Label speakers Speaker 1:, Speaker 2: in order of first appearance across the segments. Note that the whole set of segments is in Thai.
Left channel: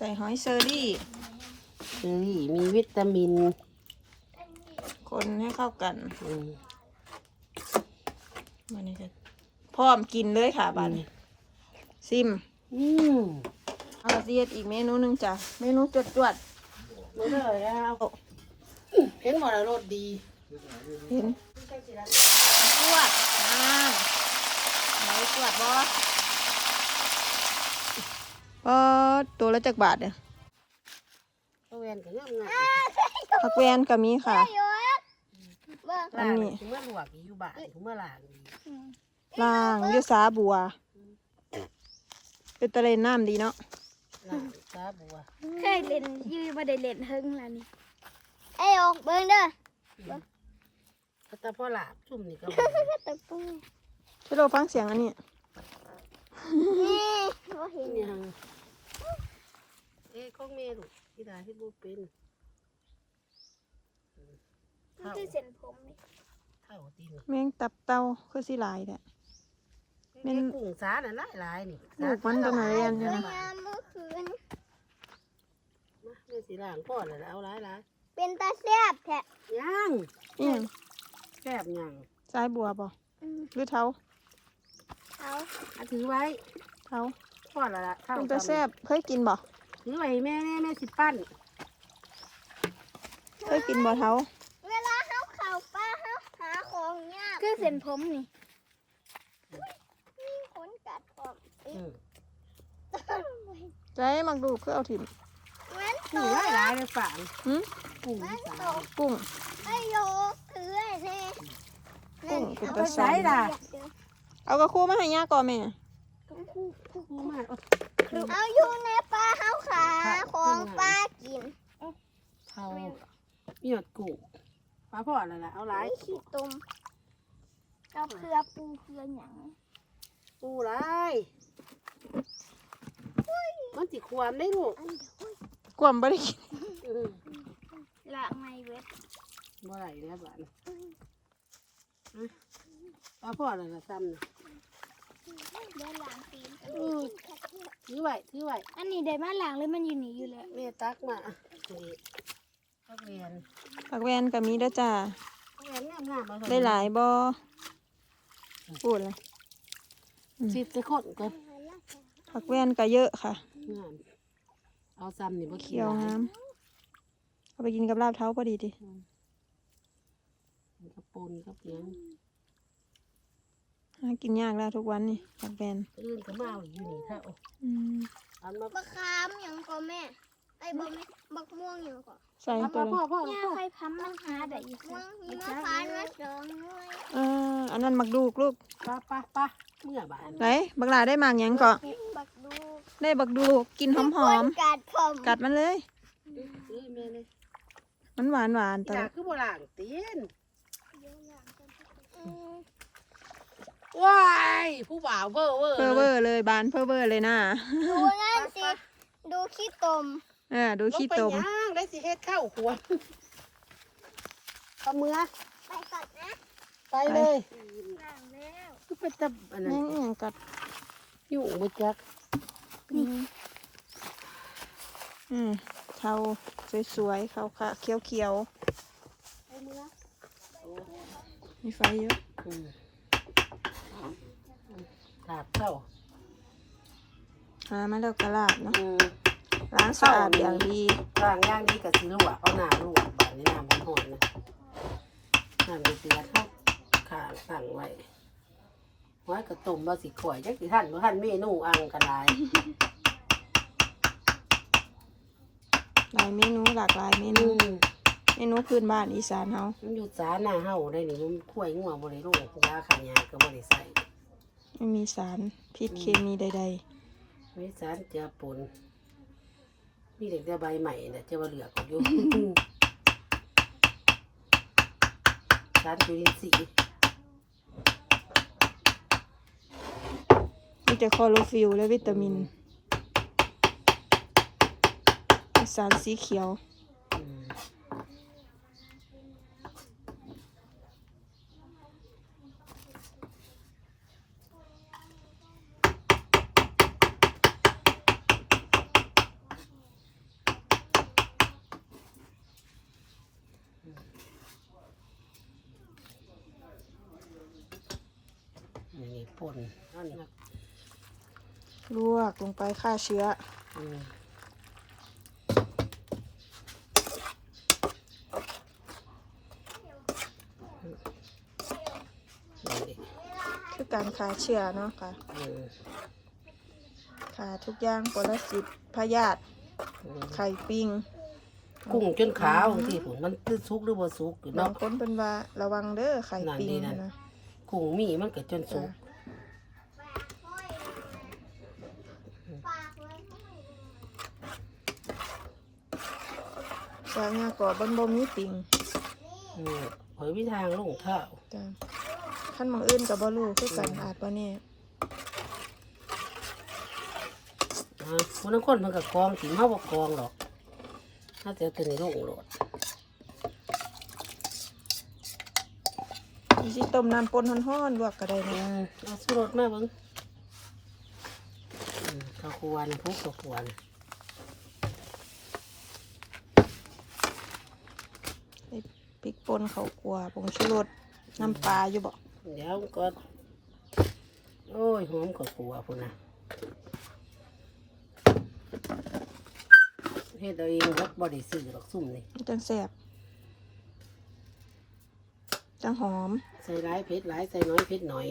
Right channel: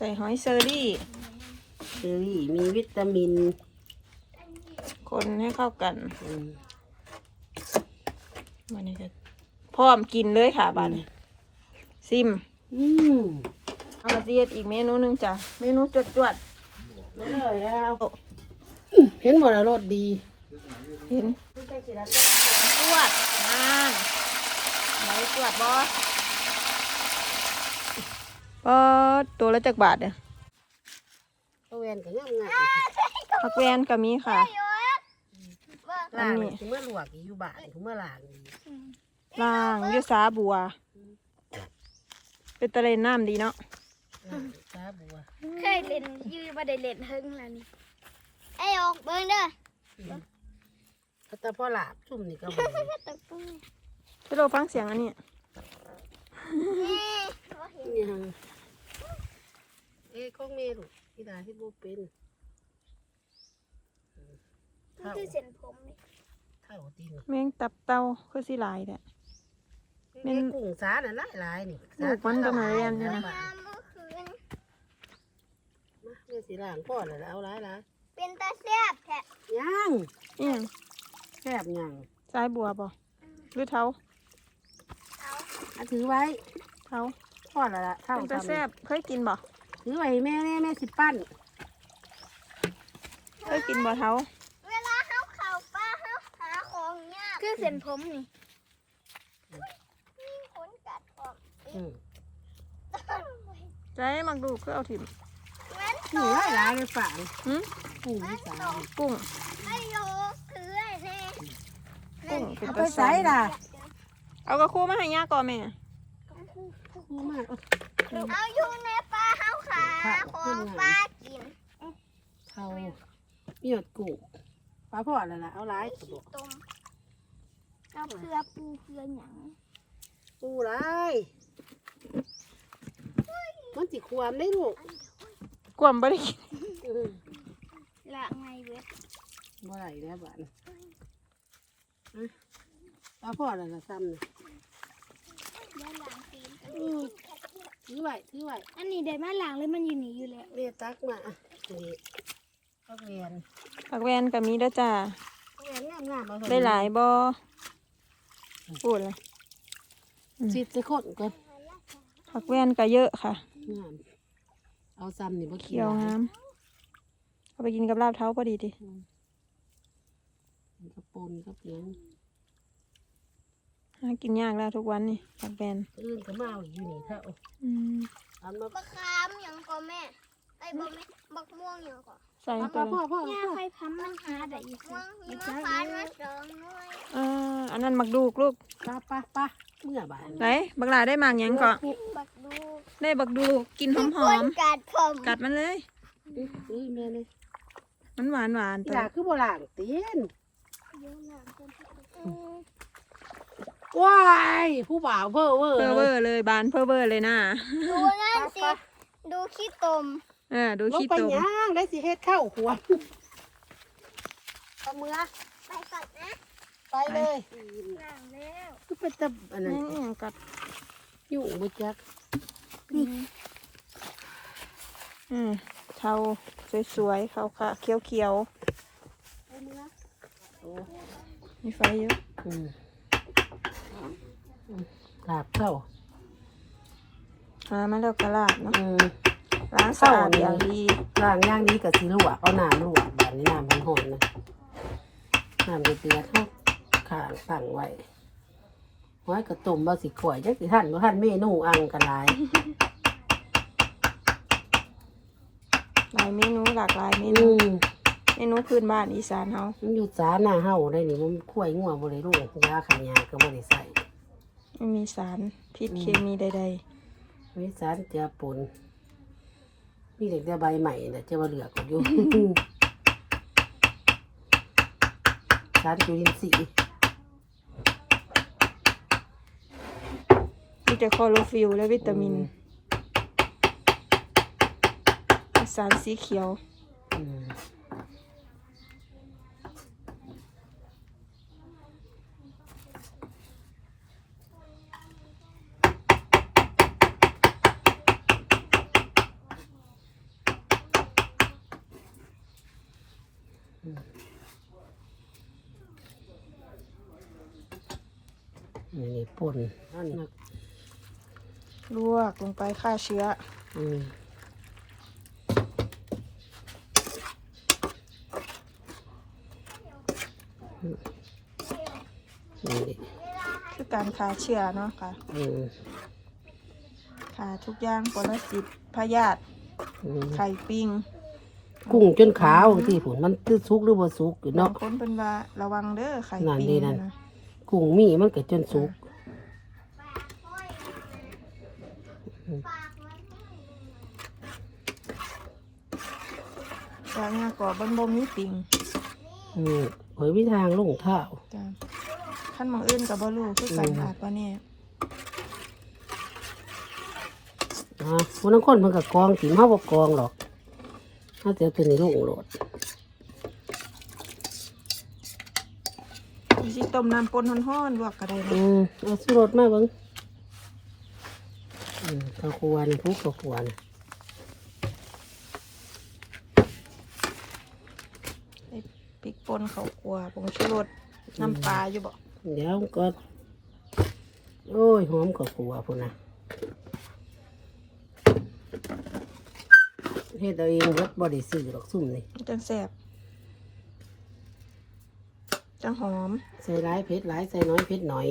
Speaker 1: ใส่หอยเชอรี่
Speaker 2: เชอรี่มีวิตามิน
Speaker 1: คนให้เข้ากัน
Speaker 2: อืม
Speaker 1: วันนี้จะพร้อมกินเลยค่ะบัดนี้ซิม
Speaker 2: อืม
Speaker 1: เอาละเอียดอีกเมนูหนึงจ้ะ เมนูจดจวด
Speaker 2: ไม่เลยแล้ว เห็นบ่ละรสดี
Speaker 1: ๆเห็นจวดนานไหนจวดบอ ปอดตัวละจักบาทเนี่ย
Speaker 2: ข้าวแวนก็งามงาม
Speaker 1: ผักแวนก็มีค่ะ
Speaker 2: ล้างนี่ถึงเมื่อลวกอีกอยู่บ้านถึงเมื่อล้างอีก
Speaker 1: ล่างอยุสาบัว เป็นตะเลนน้ำดีเนาะ
Speaker 2: ล้างซาบัว
Speaker 3: เคยเล่นยืมมาได้เล่นเฮิงแล้วนี่ไอ้ออกเบิ่งเด้อ
Speaker 2: ก็แต่พอหลาบชุ่มนี่ก็บ่ได้
Speaker 3: ตะปุ้ง
Speaker 1: พี่โลฟังเสียงอันนี้
Speaker 3: นี่บ่ เห็น
Speaker 2: ยังเอ้ของเมลูกที่ดาที่บ่เป็น
Speaker 3: มันคือเส้นผมนี่
Speaker 2: เท่าตีน
Speaker 1: แมงตับเต้าคือสิหลายแหละ
Speaker 2: เอ้กุ้งสาน่ะหลายๆนี่
Speaker 1: ลูกมันก็มาเรียนอยู่นะ
Speaker 3: น้ำมือคืน
Speaker 2: มาแม่สิล้างพ่อแล้วเอาหลาย
Speaker 3: เป็นตาแซ่บแท้
Speaker 2: ๆย่าง
Speaker 1: นี่ยัง
Speaker 2: แซ่บย่าง
Speaker 1: สายบัวบ่หรือเท้า
Speaker 3: เอา
Speaker 2: อะถือไว้
Speaker 1: เท้า
Speaker 2: พ่อแล้วล่ะเท่า
Speaker 1: เป็นตาแซ่บเคยกินบ่
Speaker 2: ถือไว้ให้แม่แม่แม่สิปั้น
Speaker 1: เคยกินบ่เท้า
Speaker 3: เวลาเฮาเข้าป่าเฮาหาของยากคือเส้นผมนี่มีขนกัดออก
Speaker 2: อืม
Speaker 1: ใจมักดูคือเอาถิ่ม
Speaker 3: มัน
Speaker 2: ถือหลายหลายเลยฝาน
Speaker 1: หืม
Speaker 2: กุ้งที่สาม
Speaker 1: กุ้ง
Speaker 3: ไอ้โยคือไอ้แน่
Speaker 1: กุ้งเป็น
Speaker 2: เอา
Speaker 1: ตา
Speaker 2: ไป
Speaker 1: แซ่
Speaker 2: ใส่
Speaker 1: บ
Speaker 2: ล่ะ
Speaker 1: เอากระคู่มาให้ย่าก่อนแม่
Speaker 2: กุ้งมาก
Speaker 3: เอาอยู่ในป่าเฮาขาของป่ากิน
Speaker 2: เท่ามีหยดกุปลาพ่อแล้วล่ะเอา
Speaker 3: ไอ้ขี้ตุ่มกับเพื่อปูเพื่อหยัง
Speaker 2: ปูหลายมันสิความได้ลูก
Speaker 1: กวมบ่ได้กิ
Speaker 3: ละไงเว็บ
Speaker 2: บ่ไหลแล้วบ้านปลาพ่อแล้วล่ะซ้ำนะ
Speaker 3: เดี๋ยวหลังตีน
Speaker 2: อืมถือไว้ถือไว้
Speaker 3: อันนี้ได้มาหลังเลยมันอยู่นี่อยู่แล้ว
Speaker 2: เรียกตักมาอะนี่ตักเรียน
Speaker 1: ผักแวนก็มีเด้อจ้า
Speaker 2: ตักเรียนงามงามๆมา
Speaker 1: ได้หลายบ่พูดเลย
Speaker 2: สิบจะคนก่อน
Speaker 1: ผักแวนก็เยอะค่ะ
Speaker 2: งามเอาซ้ำนี่บ่
Speaker 1: เขี
Speaker 2: เขี
Speaker 1: ย
Speaker 2: ยวว
Speaker 1: งามเอาไปกินกับลาบเท้าพอดีดิ
Speaker 2: กระปนกับเสียง
Speaker 1: หากินยากแล้วทุกวันนี่ผักแวน
Speaker 2: อื่นก็มาเอาอยู่นี่เท่า
Speaker 1: อืม
Speaker 2: อันมา
Speaker 3: บักขามหยังก็แม่ไอ้บ่แม่บักม่วงหยังก็
Speaker 1: ใส่
Speaker 2: เอา
Speaker 1: ตัว
Speaker 2: พ่อ
Speaker 1: เลย
Speaker 2: พ่อพ่อ
Speaker 3: ย่า
Speaker 2: พ่อ
Speaker 3: ไฟพัมมันหาได้อีกม่วงมีมะขามมาสองหน่วย
Speaker 1: อ่าอันนั้นมักดูกลูก
Speaker 2: ปะปะปะเมื่อบาน
Speaker 1: ไหนบักหลาได้หมากหยังก็
Speaker 3: บักดู
Speaker 1: ได้บักดูกกินหอมหอม
Speaker 3: กัดผม
Speaker 1: ๆกัดมันเลย
Speaker 2: นี่แม่เลย
Speaker 1: มันหวานหวาน
Speaker 2: อี
Speaker 1: ตัว
Speaker 2: หลาคือโบราณตีน
Speaker 3: อืม
Speaker 2: ว้ายผู้บ่าวเว่อร์เว่อร์
Speaker 1: เพอเวอร์เลยบานเพอเวอร์เลยนะ
Speaker 3: ดูนั่นสิ ดูขี้ตม
Speaker 1: เออดูขี้ตม
Speaker 2: ลงไปย่างได้สิเฮ็ดข้าวขวดเอามือ
Speaker 3: ไปก่อนนะ
Speaker 2: ไปเลย
Speaker 3: หลังแล้ว
Speaker 2: คือเป็นตะอันนั้น
Speaker 1: นี่อหยังกัด
Speaker 2: อยู่บ่จัก
Speaker 1: อืมเทาสวยๆขาวๆเขียว
Speaker 2: เอามือโอ้
Speaker 1: ๆมีไฟเยอะ
Speaker 2: อืม ลาบเข้า
Speaker 1: หามาแล้วกระลาดเนาะ
Speaker 2: อืม
Speaker 1: ล้างสะอาดอย่างดี
Speaker 2: ล้างย่างนี้กับสิลวกเอาน้ำลวกแบบนี้น้ำมันหอนนะน้ำเดือดๆเขาขาตั้งไว้ไว้กระตุ่มมาสิข่อยจักสิท่านบ่ท่านเมนูอังกันหลาย
Speaker 1: หลายเมนูหลากหลายเม
Speaker 2: อื
Speaker 1: นู
Speaker 2: ม
Speaker 1: เมนูพื้นบ้านอีสานเฮา
Speaker 2: มันอยู่สาหน้าเฮาได้นี่มันข่วยงัวบ่ได้ลูกยาขายาก็บ่ได้ใส่
Speaker 1: ไม่มีสารพิษเคมีใด
Speaker 2: มีสารเจือปนมีเด็กแต่ใบใหม่น่ะจะว่าเหลือกอยู่ สารจุลินทรีย์
Speaker 1: ๆ มีแต่คลอโรฟิลและวิตามินมีสารสีเขียว
Speaker 2: อืม ป่นนั่นนี่
Speaker 1: ลวกลงไปฆ่าเชื้อ
Speaker 2: อืมนี่
Speaker 1: คือการฆ่าเชื้อเนาะค่ะ
Speaker 2: อืม
Speaker 1: ฆ่าทุกอย่างปรสิตพยาธิ
Speaker 2: อืม
Speaker 1: ไข่ปิง
Speaker 2: กุ้งจนขาวที่ผุนมันคือสุกหรือบ่สุกอยู่
Speaker 1: บา
Speaker 2: เนาะ
Speaker 1: งคนเป็นว่าระวังเด้อไข่
Speaker 2: นั่น
Speaker 1: ปิง
Speaker 2: ดีนั่น
Speaker 1: นะ
Speaker 2: กุ้งมีมันก็จนสุก
Speaker 1: วางงากอบบนบ่มีปิง
Speaker 2: อืมเผยวิทางลงเท้า
Speaker 1: จ้ะขั้นหมองอื่นกับบ่รู้คือกัน
Speaker 2: อืม
Speaker 1: อาจว่าเนี่ย
Speaker 2: อ่าคนนั้นคนมันก็กองถิ่มเฮาบ่กองหรอกถ้าจะเอาตัวนี้ลงโหลด
Speaker 1: สิต้มน้ำปนฮ้อนๆลวกก็ได้
Speaker 2: อื
Speaker 1: นะ
Speaker 2: มเอาสุรสมาเบิ่งอืม ข้าวคั่วนี่พุกข้าวคั่วนี่
Speaker 1: พริกป่นข้าวคั่วผงชูรสน้ำปลาอยู่บ่
Speaker 2: เดี๋ยวก็ โอ้ยหอมข้าวคั่วพุ่นน่ะเฮ็ดเอาเองเบิดบ่ได้ซื้อหรอกซุ่มนี่
Speaker 1: มันจังแซ่บจังหอม
Speaker 2: ใส่ร้ายเผ็ดร้ายใส่น้อยเผ็ดหน่อย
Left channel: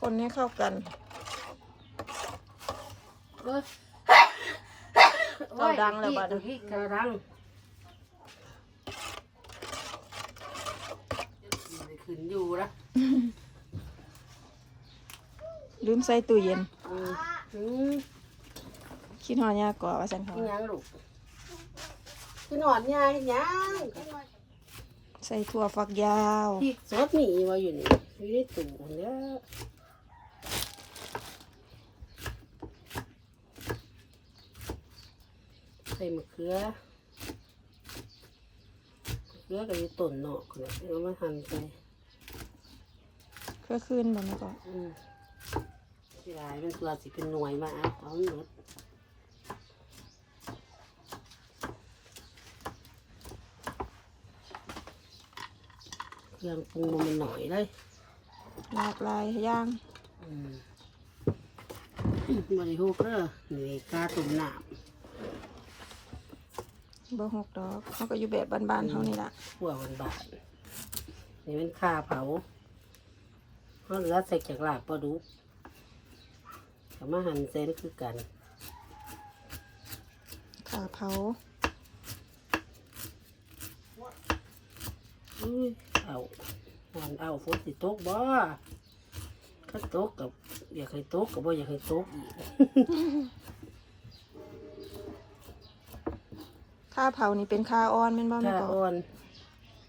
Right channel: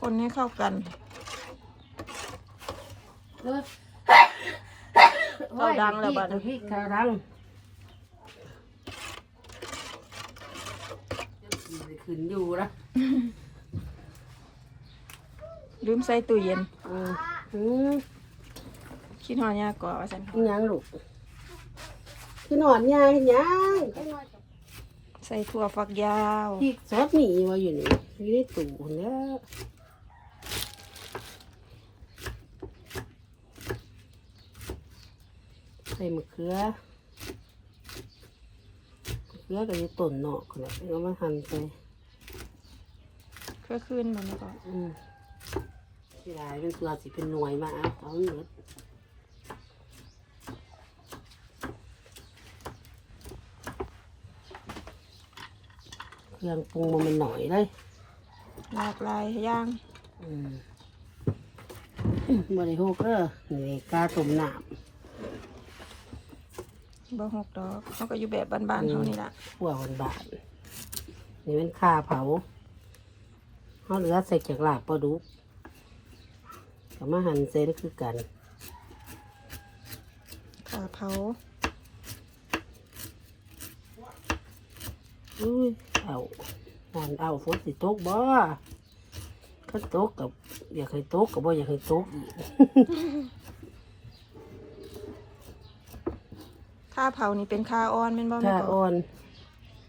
Speaker 1: คนให้ เข้ากันเข้าดังแล้วบัดนี้
Speaker 2: พี่เข้าดังขึ้นอยู่ละ
Speaker 1: ลืมใส่ตู้เย็น
Speaker 2: อืมอืม
Speaker 1: คิดหอยาก่อว่าซั่นค่ะ
Speaker 2: อีหยังลูกพี่นอนยายยัง
Speaker 1: ใส่ถั่วฝักยาว
Speaker 2: พี่ซอสหนีไว้อยู่นี่อยู่ในตู้เนี่ย ใส่มะเขือมะเขือก็อยู่ต้นเนาะขนาดเอามาหั่นใส่
Speaker 1: เพื่อขึ้นมันก่อน
Speaker 2: อืมที่ลายเป็นตัวสิเป็นหน่วยมาเอาเอาหมดเครื่องปรุงมันหน่อยเลย
Speaker 1: หลากหลายอย่าง
Speaker 2: อืมบริโภคเด้อนี่กาต้มน้
Speaker 1: บ่หกดอกเขาก็อยู่แบบบ้านๆเท่านี้ละำ
Speaker 2: ขั่วบานๆนี่เป็นข้าเผาเขาเหลือใส่จากลาบปลาดุกกับมาหั่นเส้นคือกัน
Speaker 1: ขาเผา
Speaker 2: อุ้ยเอาหั่นเอาฝนสิตกบ่ก็ตกกับอยากให้ตกกับบ่อยากให้ตกอีก
Speaker 1: ข้าเผานี่เป็นข้าอ่อนเป็นบ่แม่
Speaker 2: ข้า
Speaker 1: ก่อ
Speaker 2: อ่อน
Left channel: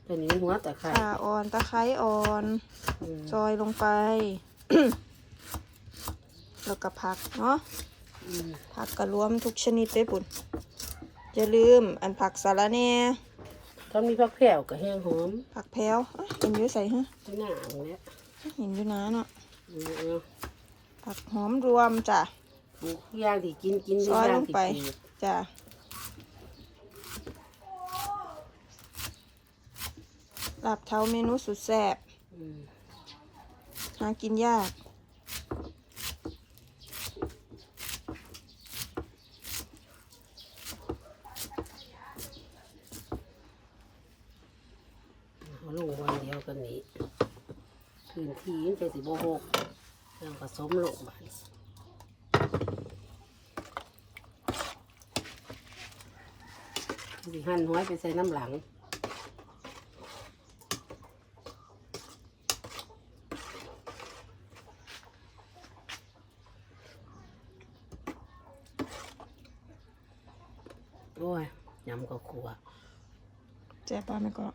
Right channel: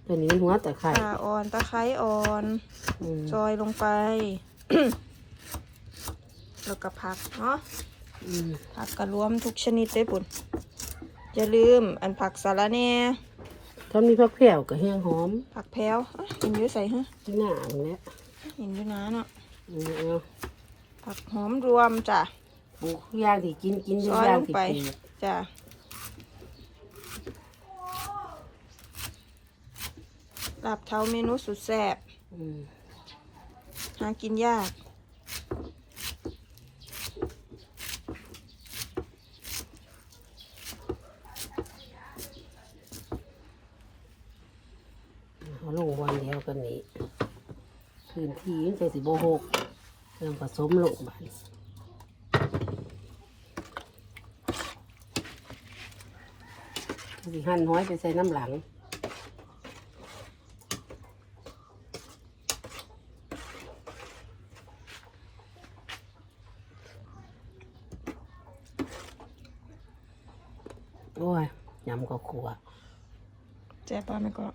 Speaker 2: ตัวนี้มันหัวแต่ไข่
Speaker 1: ข้าอ่อนตะไคร้อ่อน
Speaker 2: อืม
Speaker 1: ซอยลงไป แล้วก็ผักเนาะ
Speaker 2: อืม
Speaker 1: ผักก็รวมทุกชนิดเลยปุ่นอย่าลืมอันผักสาระแหน่
Speaker 2: เขามีผักแผ่วกับแห้งหอม
Speaker 1: ผักแพรวเอ้ยเห็นอยู่ใส่ฮะ
Speaker 2: ที่หน้ามันแหละ
Speaker 1: เห็นอยู่นะเนาะ
Speaker 2: อืมเอา
Speaker 1: ผักหอมรวมจ้ะ
Speaker 2: ปลูกทุกอย่างที่กินกินทุ
Speaker 1: ซ
Speaker 2: ก
Speaker 1: อย
Speaker 2: อย่า
Speaker 1: ล
Speaker 2: ง
Speaker 1: ง
Speaker 2: ที่
Speaker 1: ไป
Speaker 2: ปลูก
Speaker 1: จ้ะ ลาบเท้าเมนูสุดแซ่บหากินยาก
Speaker 2: เอาลงวันเดียวกันนี้พื้นที่มันจะสิบหกเรื่องผสมลงบานสิหั่นห้อยไปใส่น้ำหลัง โอ้ยยำก็ขัว
Speaker 1: แจ๊บป้าแม่ก็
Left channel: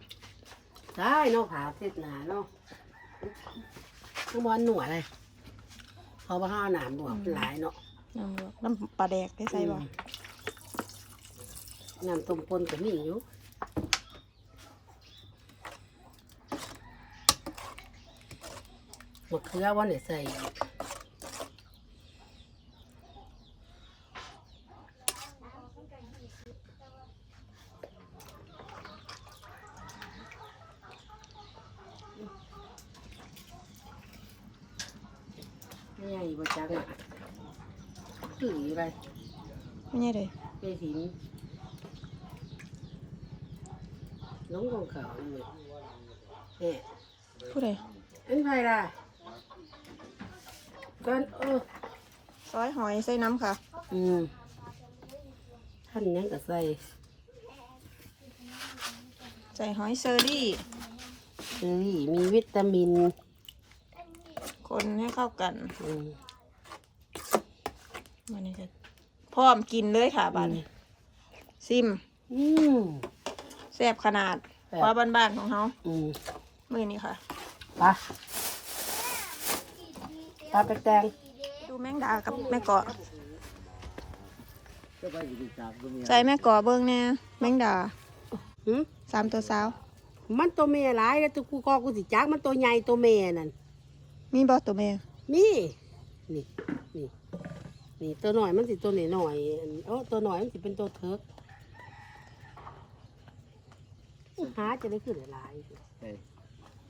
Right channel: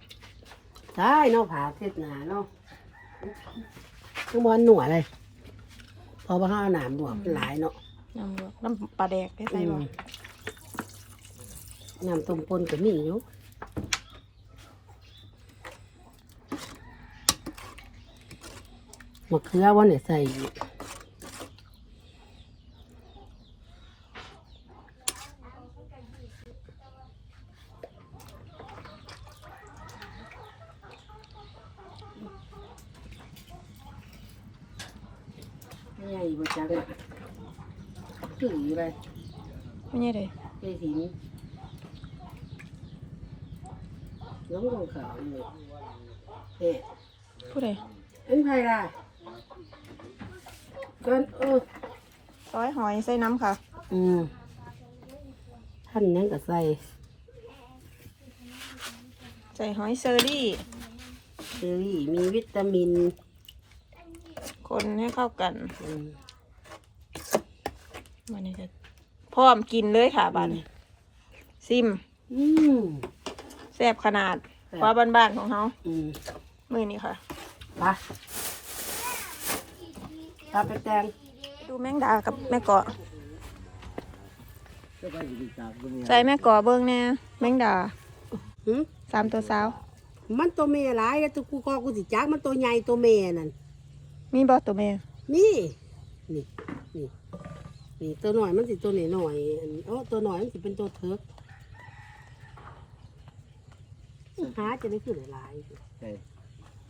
Speaker 2: ได้เนาะผาเทศนาเนาะข้างบนหนัวเลยเพอมาข้าวหนามบวกหลายเนาะ
Speaker 1: น้ำลวกน้ำปลาแดกได้ใส่บ่
Speaker 2: อืมน้ำต้มปนก็มีอยู่มะเขือวันเดี๋ยวใส่อีก บ่จักอะถืออะไร
Speaker 1: ไม่ใช่เลย
Speaker 2: ไปหิน น้องของเขาอยู่เนี่ย
Speaker 1: ผู้ใด
Speaker 2: อันไพล่ะก่อนเออ
Speaker 1: ซอยหอยใส่น้ำค่ะ
Speaker 2: อืมท่านยังก็ใส่
Speaker 1: ใส่หอยเซอรี่
Speaker 2: เชอรี่มีวิตามิน
Speaker 1: คนให้เข้ากัน
Speaker 2: อืม
Speaker 1: มันนี่จะพร้อมกินเลยค่ะบัดนซิม
Speaker 2: อืม
Speaker 1: แซ่บขนาด
Speaker 2: แซ่บ
Speaker 1: ว่าบ้านๆของเขา
Speaker 2: อืม
Speaker 1: มือนี้ค่ะ
Speaker 2: ไปตาไปแตง
Speaker 1: ดูแมงดากับแม่เกาะ
Speaker 4: ก็ไปอยู่จากตรงนี้
Speaker 1: ใส่แม่เกาะเบิ้งแน่แมงดา
Speaker 2: หืม
Speaker 1: สามตัวสาว
Speaker 2: มันตัวเมียหลายแล้วตัวกูคอกูสิจักมันตัวใหญ่ตัวเมียนั่น
Speaker 1: มีบอตัวแม่
Speaker 2: นี่นี่นี่นี่ตัวหน่อยมันสิตัวหน่อยหน่อยๆอันเออตัวหน่อยมันสิเป็นตัวเทิก หาจะได้ขึ้นหลายๆ
Speaker 4: ไป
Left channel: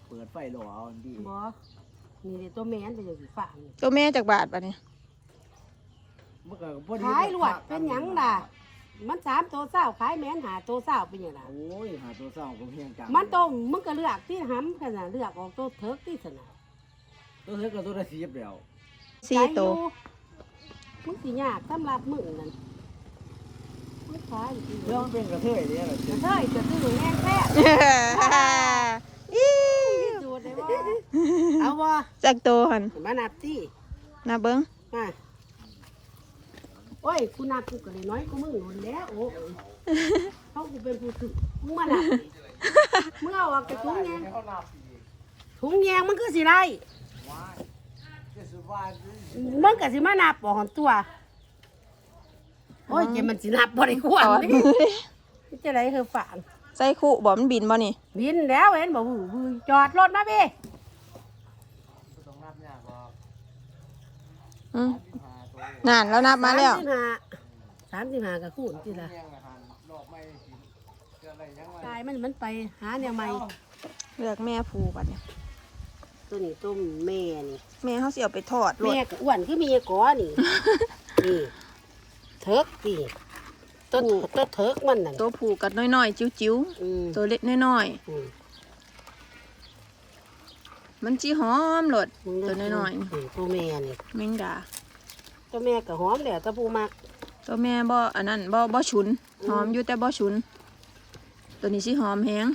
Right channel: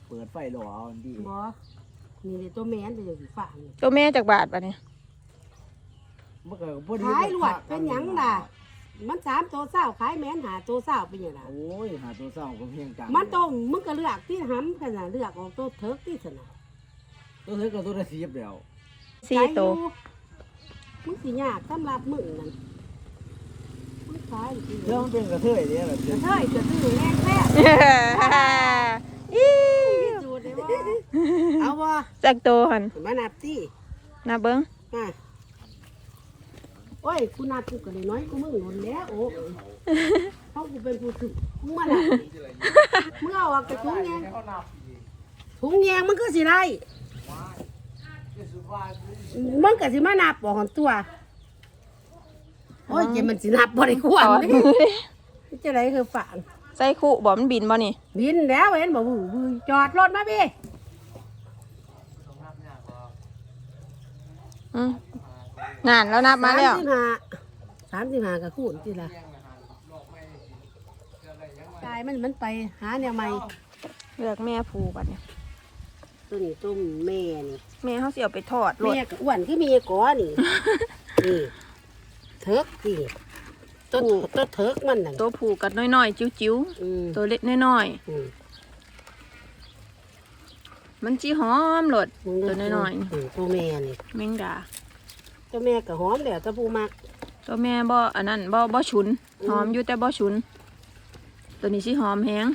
Speaker 4: เปิดไฟหล่อเอาอันดี
Speaker 2: บอมีแต่ตัวแม่นแต่อย่างสีฟ้านี่
Speaker 1: ตัวแม่จากบาทปะเนี่ย
Speaker 4: มันก็พอดี
Speaker 2: ขายลวดเป็นหยังล่ะ มันสามตัวเศร้าขายแม่นหาตัวเศร้าเป็นหยังล่ะ
Speaker 4: โอ้ยหาตัวเศร้าก็เพียงจัง
Speaker 2: มันตรงมึงก็เลือกที่ห้ำขนาดเลือกออกตัวเทิกที่สนะ
Speaker 4: ตัวเธอก็ตัวละสิบแล้ว
Speaker 1: สี่
Speaker 2: ใจอ
Speaker 1: ตัว
Speaker 2: ยู่มึงสิยากสำหรับมึงนั่นมึงขายอยู่
Speaker 4: เรื่องมันเป็นกระเทยเนี่ยแหละ
Speaker 2: กระเทยจะซื้อแรงแท้
Speaker 1: อิ๊
Speaker 2: ที่
Speaker 1: ว
Speaker 2: สุดเลยว่าเอาวะ
Speaker 1: จากตัวหัน
Speaker 2: มานับที่
Speaker 1: นาเบิ้ง
Speaker 2: มาโอ้ยกูนับกูก็เลยน้อยกูมึงหนุนแล้วโอ้ยเขากูเป็นผู้ถือมึงมานับดิมึงเอาออกจากถุงแยงถุงแยงมันคือสิไรมันก็สิมานับบอกของตัว โอ้ยเจมันสินับบริควร
Speaker 1: ถอด
Speaker 2: นี่
Speaker 1: มือดิ
Speaker 2: จะไรคือฝัง
Speaker 1: ใส่คู่บ่มันบินบ่นี่
Speaker 2: บินแล้วเห็นบอกหูบือจอดรถมาพี่
Speaker 1: อืมนานแล้วนับมาแล้ว
Speaker 2: สามสิบห้าสามสิบห้ากับคูณที่ละกายมันมันไปหาแนวใหม่
Speaker 1: เลือกแม่ผูบัดเนี่ย
Speaker 2: ตัวนี้ต้มแม่นี่
Speaker 1: แม่เขาเสียวไปทอดรถ
Speaker 2: แม่ก็อ้วนคือเมียก้อนี่นี่ เทิกนี่ต้นต้นเทิกมันนั่น
Speaker 1: ตัวผูกัดน้อยๆ จิ้ว
Speaker 2: อืม
Speaker 1: ๆ ตัวเล็กน้อย
Speaker 2: อืม
Speaker 1: ๆ มันจีหอมรสตัวน้อย
Speaker 2: มตัวแม่นี่
Speaker 1: ๆแมงดา
Speaker 2: ตัวแม่ก็หอมแหละตัวผู้มัก
Speaker 1: ตัวแม่บ่อันนั้นบ่บ่ฉุน
Speaker 2: อืม
Speaker 1: หอมอยู่แต่บ่ฉุน ตัวนี้สิหอมแฮง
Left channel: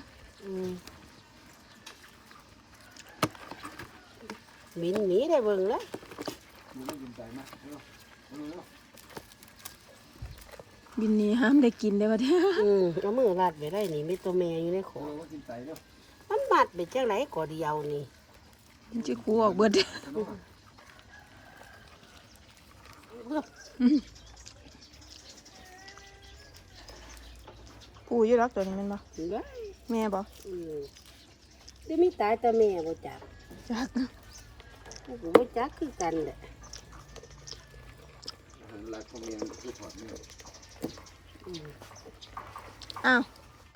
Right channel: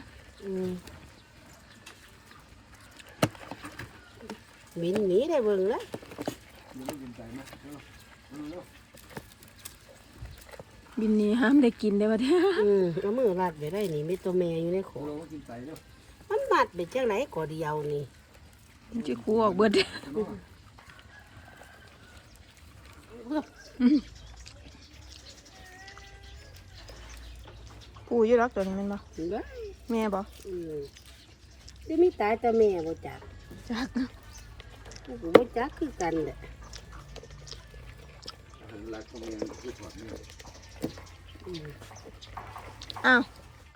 Speaker 2: อืมบินหนีได้เบิ่งแล้ว
Speaker 1: บินนี้ห้ามได้กินได้บ่เด้อ
Speaker 2: อืมเอามือรัดไปได้นี่มีตัวแม่อยู่ในขอมันมัดไปจังไรก่อเดียวนี่
Speaker 1: มันสิคูออกเบิดเด้อผูอยู่รักตัวนี้แมันบ่
Speaker 2: ได้
Speaker 1: แม่บ่
Speaker 2: อืมจะมีตายแต่แม่บ่จัก
Speaker 1: จัก
Speaker 2: กูก็บ่จักคือกันแหละ
Speaker 1: อ้าว